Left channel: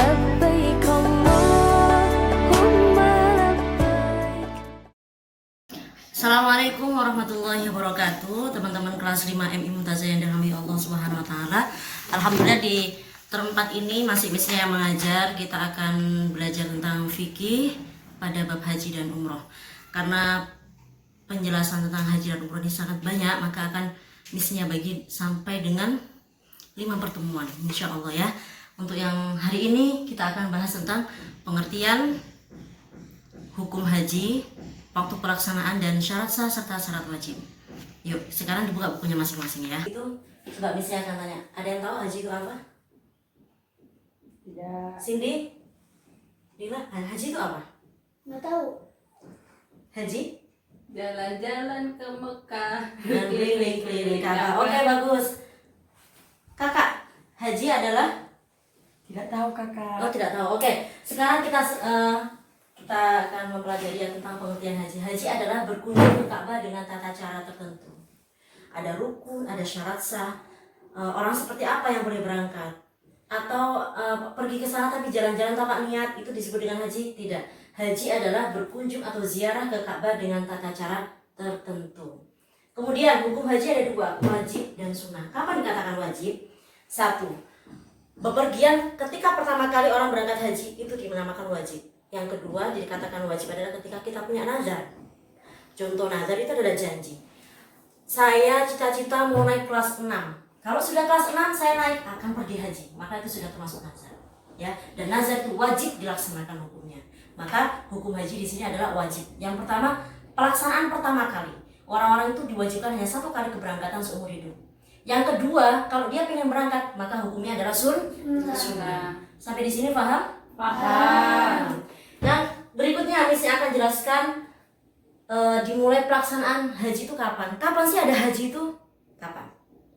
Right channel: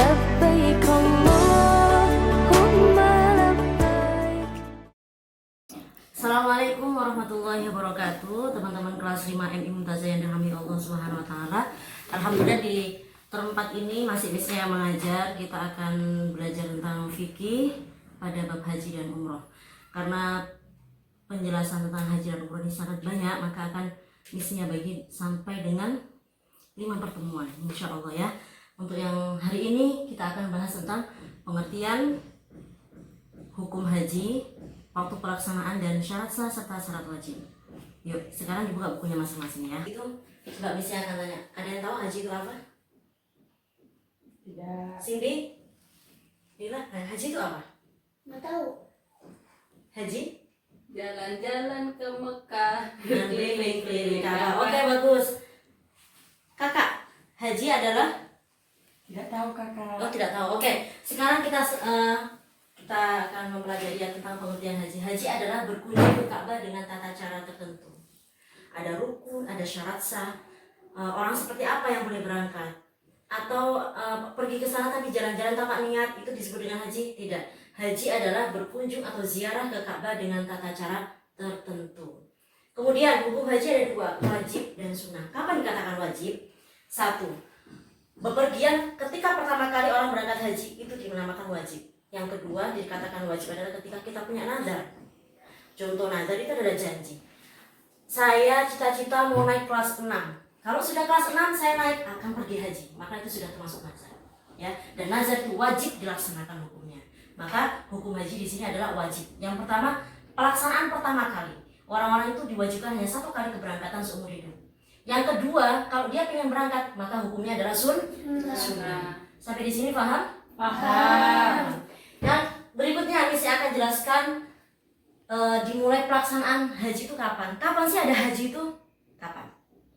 لبيك اللهم لبيك. Assalamualaikum warahmatullahi wabarakatuh. Teman-teman kelas 5 MI Mumtazah yang dirahmati Allah Subhanahu wa taala. Alhamdulillah di term 4 ini masih bisa yang mengajar. Kita akan belajar tentang fikih pada bab haji dan umroh. Karena penjelasan tentang haji dan umroh ini sangat banyak, maka akan misinya bagi sampai dengan 5 pertemuan insya Allah ya. Untuk yang hari ini kita akan bahas tentang pengertian hukum haji, waktu pelaksanaan dan syarat sah serta syarat wajib. Yuk, sekarang dibuka bukunya masing-masing ya. Itu coba misinya akan tanya. Ada yang tahu haji itu apa? Tidak. Cindy? Dila, haji itu apa? Nggak tahu. Haji? Jalan-jalan ke Mekah. Dan keliling-keliling Ka'bah. Oke, bagus. Kakak, haji adalah? Tidak tahu kakak. Oh, tidak tahu. Oke, sekarang kita akan mempelajari tentang pengertian haji. Haji adalah berkunjung ke Ka'bah dengan tata cara tertentu. Ada rukun, ada syarat sah. Orang seperti apa yang boleh berangkat? Atau pergi ke sana tapi jalan-jalan tanpa niat, itu disebut dengan haji? Tidak. Haji adalah berkunjung atau ziarah ke Ka'bah dengan tata cara tertentu. Kemudian hukum haji ada 2, wajib dan sunnah. Kapan dikatakan wajib? 1. Bepergian ketika pertama kali orang berangkat haji itu dinamakan wajib. Yang kedua dikatakan wajib adalah ketika kita punya nazar. Contoh nazar itu adalah janji. Saya cita-cita mau naik kelas 6. Kalau sudah kelas 6 saya naik akan pergi haji, maka itu sudah termasuk nazar. Ya, dan nazar itu wajib dilaksanakan hukumnya. Maka hukum haji di sini adalah wajib. Yang pertama, pelaksanaan pertama kali. Orang-orang itu diwajibkan hanya 1 kali keberangkatan seumur hidup. Yang kedua, kalau dia ingin berangkat, maka hukumnya adalah sunnah. Sampai di sini paham? Paham. Dan berikutnya misi akan jelaskan dimulai pelaksanaan haji itu kapan? Kapan sih ada haji itu? Kapan?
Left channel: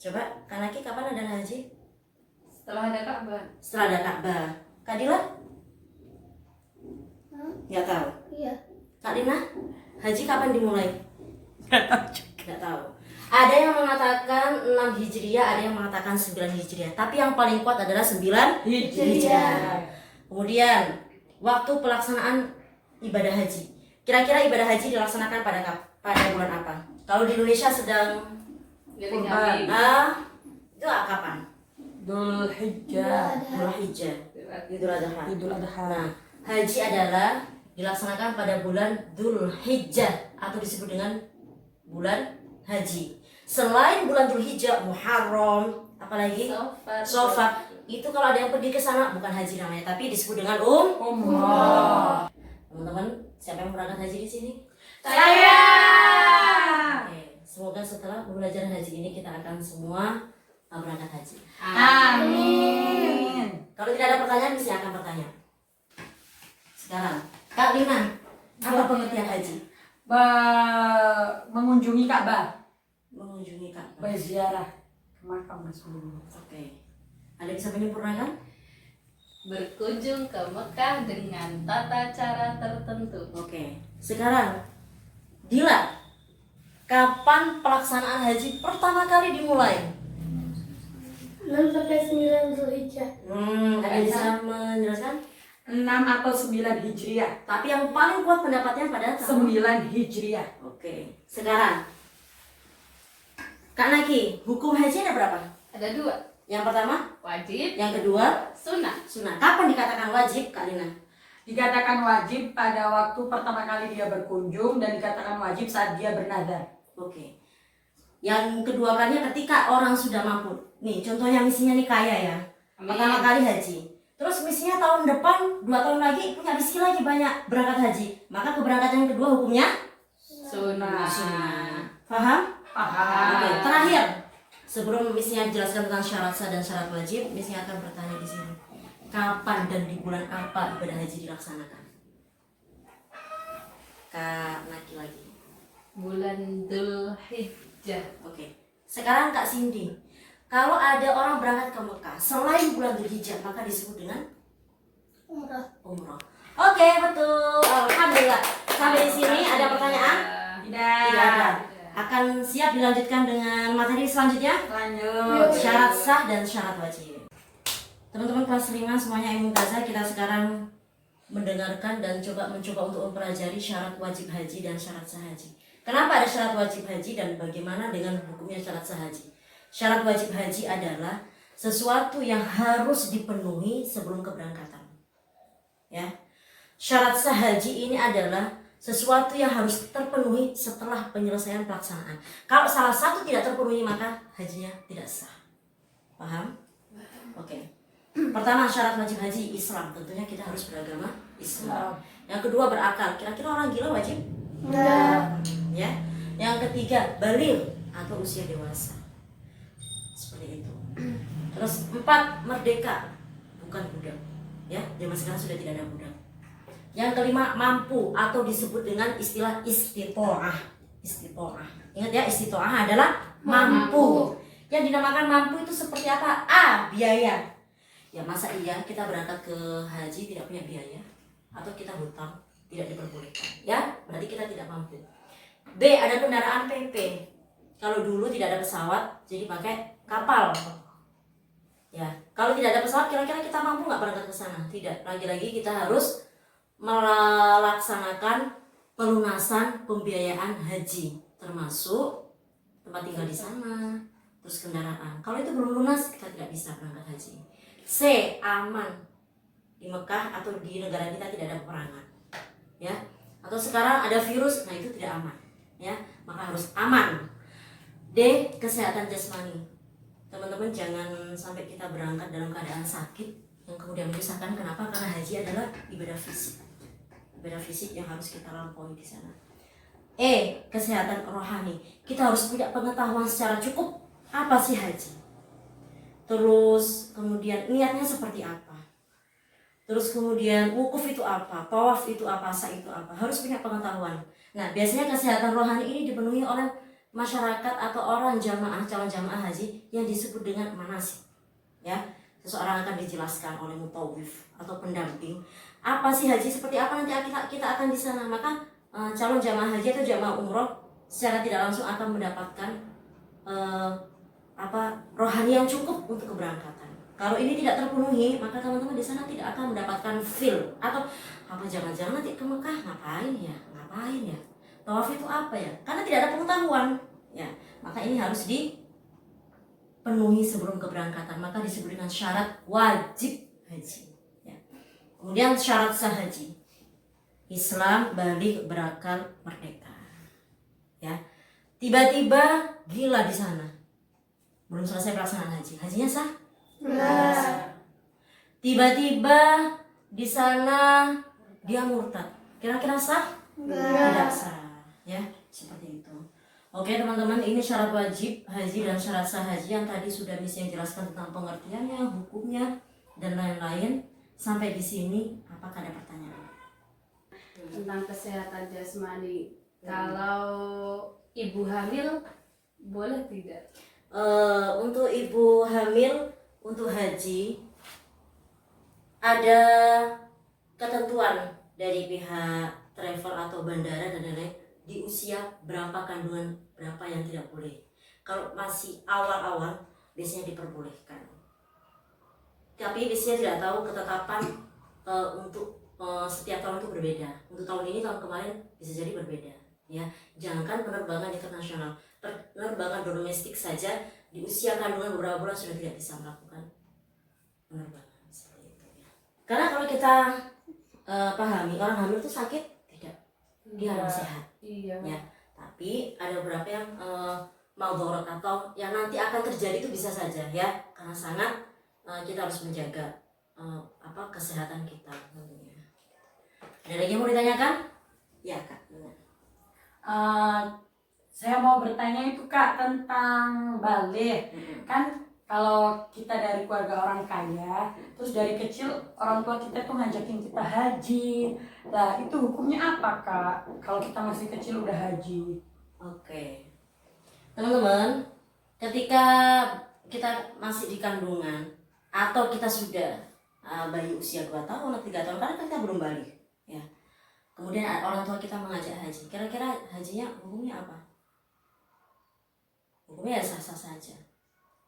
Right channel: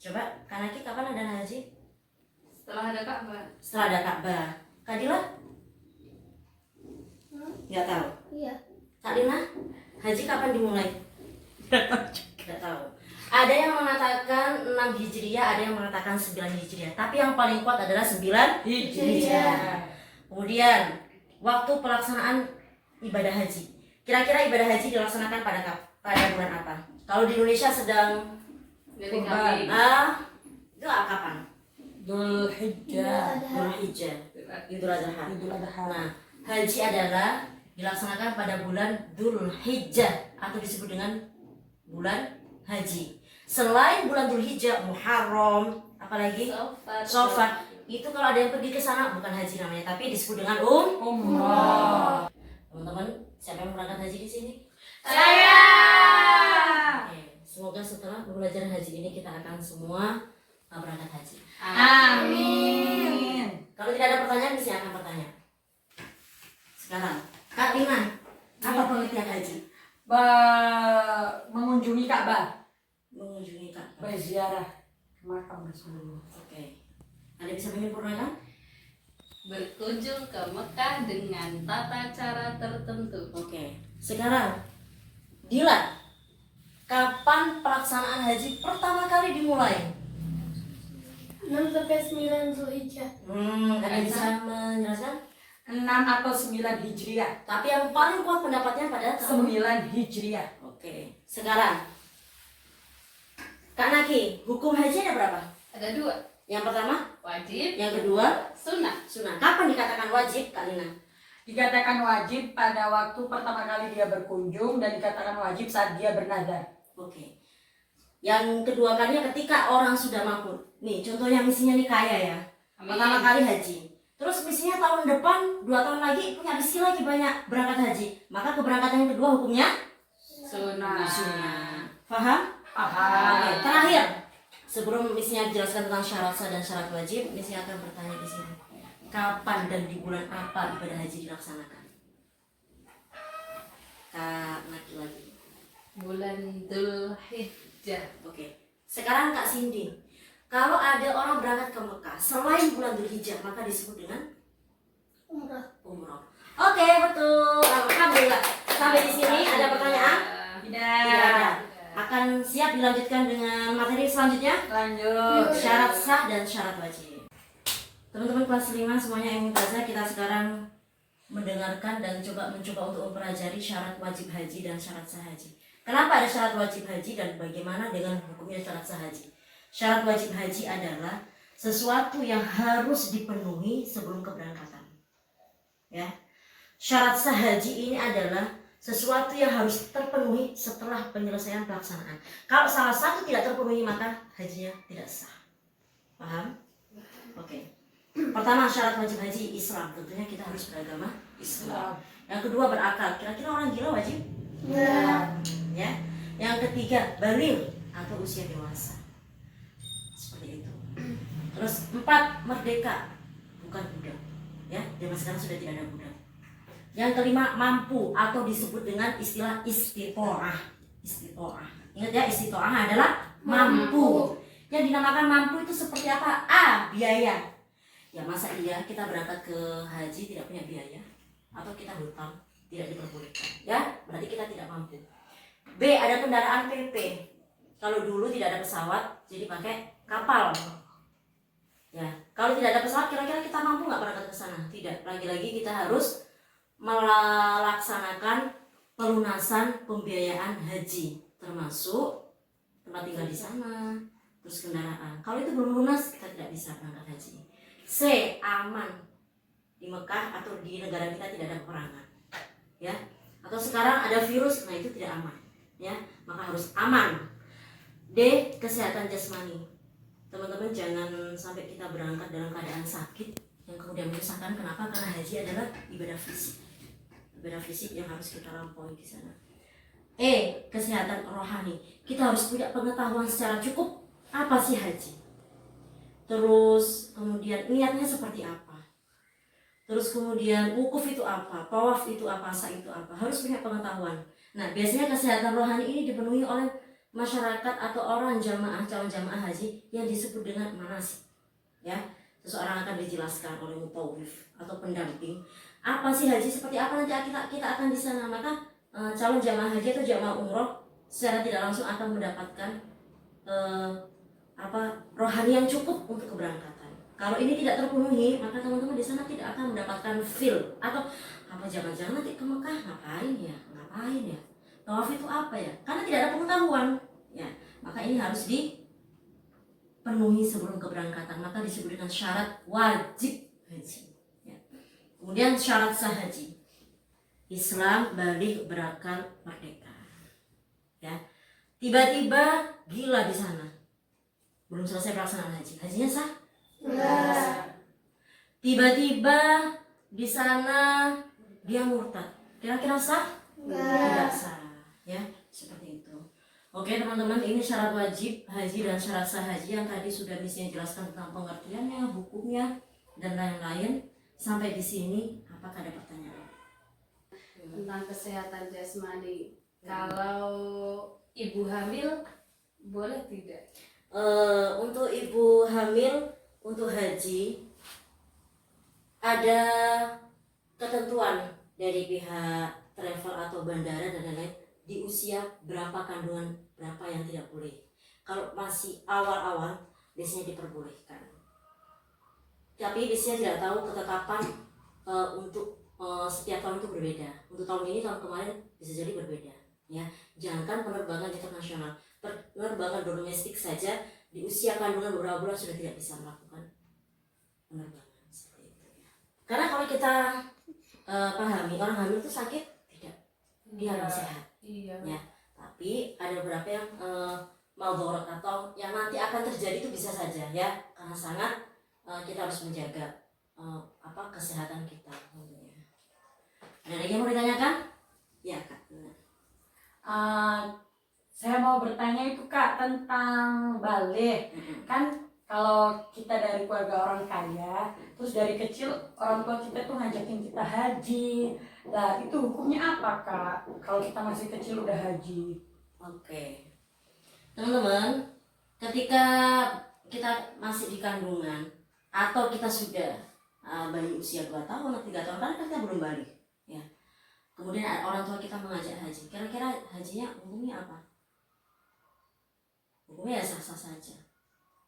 Coba, Kanaki kapan ada haji? Setelah ada Ka'bah. Setelah ada Ka'bah. Kadila? Nggak tahu. Iya. Kak Lina, haji kapan dimulai? Nggak tahu. Ada yang mengatakan 6 Hijriah, ada yang mengatakan 9 Hijriah. Tapi yang paling kuat adalah 9 Hijriah. Kemudian waktu pelaksanaan ibadah haji. Kira-kira ibadah haji dilaksanakan pada bulan apa? Kalau di Indonesia sedang Kurban. Itu kapan? Dhul Hijjah. Idul Hijjah. Idul Adha. Idul Adha. Nah, haji adalah dilaksanakan pada bulan Dhul Hijjah atau disebut dengan bulan haji. Selain bulan Dhul Hijjah, Muharram, apalagi Safar. Itu kalau ada yang pergi ke sana bukan haji namanya, tapi disebut dengan umrah. Teman-teman, siapa yang berangkat haji di sini? Saya. Oke, semoga setelah pembelajaran haji ini kita akan semua berangkat haji. Amin. Kalau tidak ada pertanyaan, mesti akan bertanya. Sekarang, Kak Lina, apa pengertian haji? Mengunjungi Ka'bah. Mengunjungi Ka'bah. Berziarah ke makam Rasulullah. Oke. Ada bisa menyempurnakan? Berkunjung ke Mekah dengan tata cara tertentu. Oke. Sekarang, Dila, kapan pelaksanaan haji pertama kali dimulai? 6 sampai 9 Zulhijjah. Ada bisa menjelaskan? 6 atau 9 Hijriah. Tapi yang paling kuat pendapatnya pada 9 Hijriah. Oke. Sekarang, Kak Naki, hukum haji ada berapa? Ada 2, Yang pertama, wajib, yang kedua, sunnah. sunnah. Kapan dikatakan wajib, Kak Lina? Dikatakan wajib pada waktu pertama kali dia berkunjung dan dikatakan wajib saat dia bernazar. Oke. Yang kedua kalinya ketika orang sudah mampu. Nih, contohnya misinya nih kaya ya. Amin. Pertama kali haji. Terus misinya tahun depan, 2 tahun lagi punya rezeki lagi banyak berangkat haji. Maka keberangkatan yang kedua hukumnya Sunnah. sunnah. Paham? Paham. Oke, terakhir. Sebelum misinya jelaskan tentang syarat sah dan syarat wajib, misinya akan bertanya di sini. Kapan dan di bulan apa ibadah haji dilaksanakan? Kak Naki lagi. Bulan Dhul Hijjah. Oke. Sekarang Kak Cindy. Kalau ada orang berangkat ke Mekah selain bulan Dzulhijjah, maka disebut dengan Umrah. umroh. Oke, betul. Alhamdulillah. Sampai di sini ada pertanyaan? Tidak ada. Akan siap dilanjutkan dengan materi selanjutnya? Lanjut. Syarat sah dan syarat wajib. Teman-teman kelas 5 semuanya yang mumtazah, kita sekarang mendengarkan dan mencoba untuk mempelajari syarat wajib haji dan syarat sah haji. Kenapa ada syarat wajib haji dan bagaimana dengan hukumnya syarat sah haji? Syarat wajib haji adalah sesuatu yang harus dipenuhi sebelum keberangkatan. Ya. Syarat sah haji ini adalah sesuatu yang harus terpenuhi setelah penyelesaian pelaksanaan. Kalau salah satu tidak terpenuhi maka hajinya tidak sah. Paham? Oke. Pertama, syarat wajib haji Islam. Tentunya kita harus beragama Islam. Yang kedua, berakal. Kira-kira orang gila wajib? Ya. Yang ketiga, baligh atau usia dewasa. Seperti itu. Terus 4, merdeka, bukan budak. Ya, zaman sekarang sudah tidak ada budak. Yang kelima, mampu atau disebut dengan istilah istitoah. Istitoah. Ingat ya, istitoah adalah mampu. Yang dinamakan mampu itu seperti apa? A, biaya. Ya masa iya kita berangkat ke haji tidak punya biaya, atau kita hutang tidak diperbolehkan, ya berarti kita tidak mampu. B, ada kendaraan PP. Kalau dulu tidak ada pesawat jadi pakai kapal. Ya, kalau tidak ada pesawat kira-kira kita mampu nggak berangkat ke sana? Tidak. Lagi-lagi kita harus melaksanakan pelunasan pembiayaan haji, termasuk tempat tinggal di sana, terus kendaraan. Kalau itu belum lunas kita tidak bisa berangkat haji. C, aman. Di Mekah atau di negara kita tidak ada peperangan. Ya. Atau sekarang ada virus, nah itu tidak aman. Ya, maka harus aman. D, kesehatan jasmani. Teman-teman jangan sampai kita berangkat dalam keadaan sakit yang kemudian menyusahkan. Kenapa? Karena haji adalah ibadah fisik. Ibadah fisik yang harus kita lampaui di sana. E, kesehatan rohani. Kita harus punya pengetahuan secara cukup apa sih haji. Terus kemudian niatnya seperti apa. Terus kemudian wukuf itu apa, tawaf itu apa, sa'i itu apa. Harus punya pengetahuan. Nah, biasanya kesehatan rohani ini dipenuhi oleh masyarakat atau orang jamaah, calon jamaah haji yang disebut dengan manasik. Ya, seseorang akan dijelaskan oleh mutawif atau pendamping. Apa sih haji seperti apa nanti kita akan di sana. Maka calon jamaah haji atau jamaah umroh secara tidak langsung akan mendapatkan rohani yang cukup untuk keberangkatan. Kalau ini tidak terpenuhi, maka teman-teman di sana tidak akan mendapatkan feel atau apa jangan-jangan nanti ke Mekah ngapain ya? Tawaf itu apa ya? Karena tidak ada pengetahuan. Ya, maka ini harus dipenuhi sebelum keberangkatan. Maka disebut dengan syarat wajib haji. Ya. Kemudian syarat sah haji. Islam, baligh, berakal, merdeka. Ya. Tiba-tiba gila di sana. Belum selesai pelaksanaan haji. Hajinya sah? Tiba-tiba di sana dia murtad. Kira-kira sah? Tidak sah. Ya, seperti itu. Oke teman-teman, ini syarat wajib haji dan syarat sah haji yang tadi sudah Miss jelaskan tentang pengertiannya, hukumnya, dan lain-lain. Sampai di sini, apakah ada pertanyaan? Tentang kesehatan jasmani, kalau ibu hamil boleh tidak? Untuk ibu hamil untuk haji ada ketentuan dari pihak travel atau bandara dan lain-lain di usia berapa kandungan berapa yang tidak boleh. Kalau masih awal-awal biasanya diperbolehkan. Tapi biasanya tidak tahu ketetapan untuk setiap tahun itu berbeda. Untuk tahun ini tahun kemarin bisa jadi berbeda. Ya, jangankan penerbangan internasional, penerbangan domestik saja di usia kandungan beberapa bulan sudah tidak bisa melakukan penerbangan seperti itu. Ya. Karena kalau kita pahami orang hamil itu sakit tidak, dia harus sehat. Iya. Ya, tapi ada beberapa yang maldorot atau yang nanti akan terjadi itu bisa saja ya, karena sangat kita harus menjaga kesehatan kita tentunya. Ada lagi yang mau ditanyakan? Ya kak. Saya mau bertanya itu Kak tentang balik. Kan kalau kita dari keluarga orang kaya, terus dari kecil orang tua kita tuh ngajakin kita haji. Nah itu hukumnya apa Kak? Kalau kita masih kecil udah haji? Oke. Teman-teman, ketika kita masih di kandungan atau kita sudah bayi usia 2 tahun atau 3 tahun, karena kita belum balik ya. Kemudian orang tua kita mengajak haji. Kira-kira hajinya hukumnya apa? Hukumnya ya sah-sah saja.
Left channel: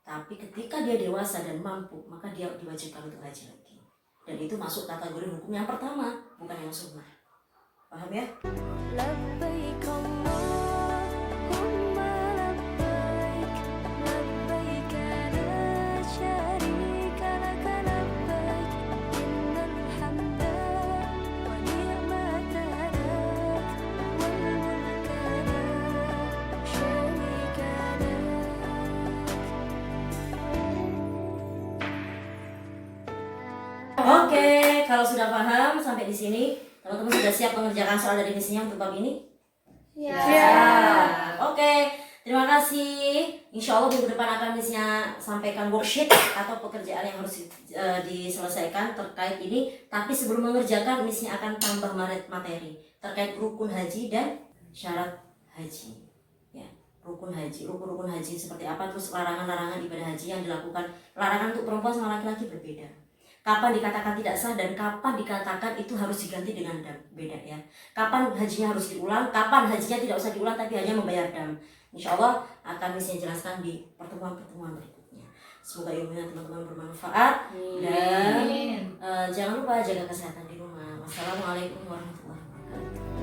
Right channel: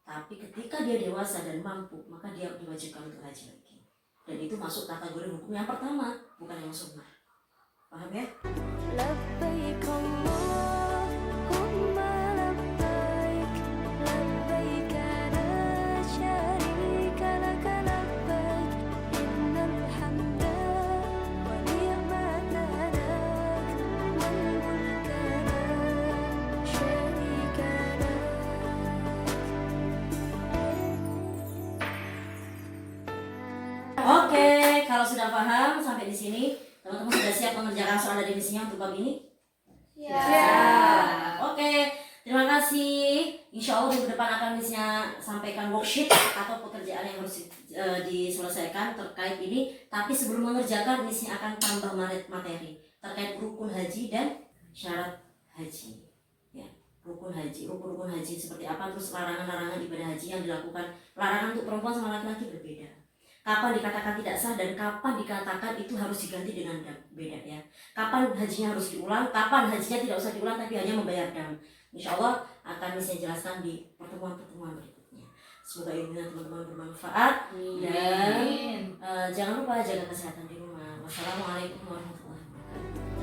Tapi ketika dia dewasa dan mampu, maka dia diwajibkan untuk haji lagi. Dan itu masuk kategori hukum yang pertama, bukan yang sunnah. Paham ya? لبيك اللهم لبيك لبيك لا شريك لك لبيك إن الحمد والنعمة لك والملك لا شريك لك. Oke, kalau sudah paham sampai di sini, teman-teman sudah siap mengerjakan soal dari misinya untuk bab ini? Ya. Oke, terima kasih. Insya Allah minggu depan akan misinya sampaikan worksheet atau pekerjaan yang harus diselesaikan terkait ini. Tapi sebelum mengerjakan, misinya akan tambah materi terkait rukun haji dan syarat haji. Ya, rukun haji, rukun haji seperti apa, terus larangan-larangan ibadah haji yang dilakukan. Larangan untuk perempuan sama laki-laki berbeda. Kapan dikatakan tidak sah dan kapan dikatakan itu harus diganti dengan dam, beda ya. Kapan hajinya harus diulang, kapan hajinya tidak usah diulang tapi hanya membayar dam. Insya Allah akan bisa jelaskan di pertemuan-pertemuan berikutnya. Semoga ilmunya teman-teman bermanfaat dan jangan lupa jaga kesehatan di rumah. Wassalamualaikum warahmatullahi wabarakatuh.